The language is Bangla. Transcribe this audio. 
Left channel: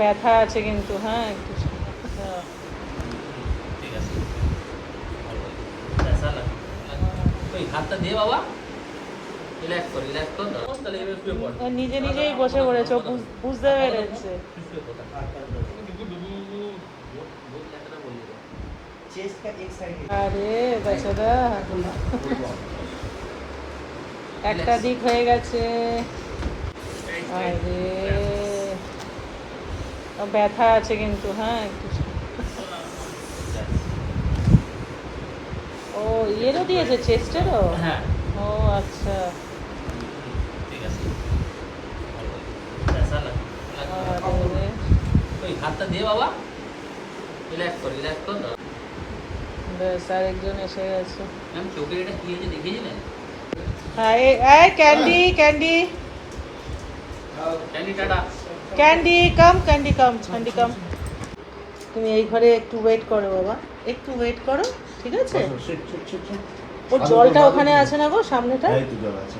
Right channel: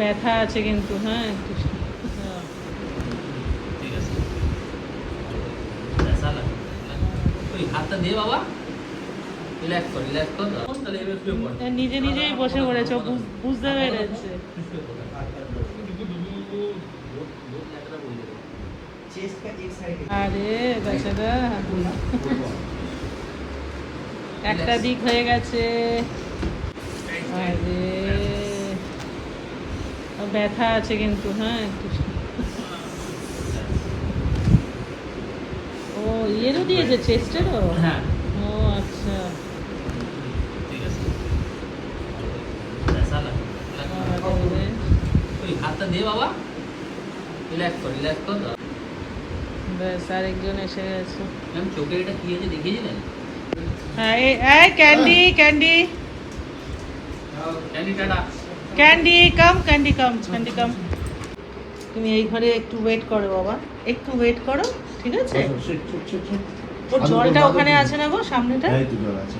ব্যথা আছে কিন্তু, হ্যাঁ একটু। ঠিক আছে। ऐसा लग कोई हाथটা দে বাবা, রিল্যাক্স কর তাহলে এবার শুয়ে পড়। নিজে নিজেই বসে পড়েছে, বুঝতে পেরেছে। चेस्ट का एक साइड আরে বেচারা, একটা দিক হয়ে গেছে। আরে ব্যথা আছে কিন্তু, হ্যাঁ একটু। ও ইয়েরও দিয়েছে, চেস্টেরও? হ্যাঁ ও আচ্ছা। ঠিক আছে। ऐसा लग कोई হাতটা দে বাবা, রিল্যাক্স কর। বেশ, আরেকজন এসে গেছে। ম্যাম চোখে এটা কি আছে দেখিয়েছিলেন? হ্যাঁ, এই candy candy candy tata. Candy come, candy come, candy come. তুমি এই ঘরে একটু ওয়েট করো বাবা, একটু ওয়েট করো, ঠিক আছে? ও জলটা ওখানে আছে না গো, সামনেটা? এই তো জল আছে।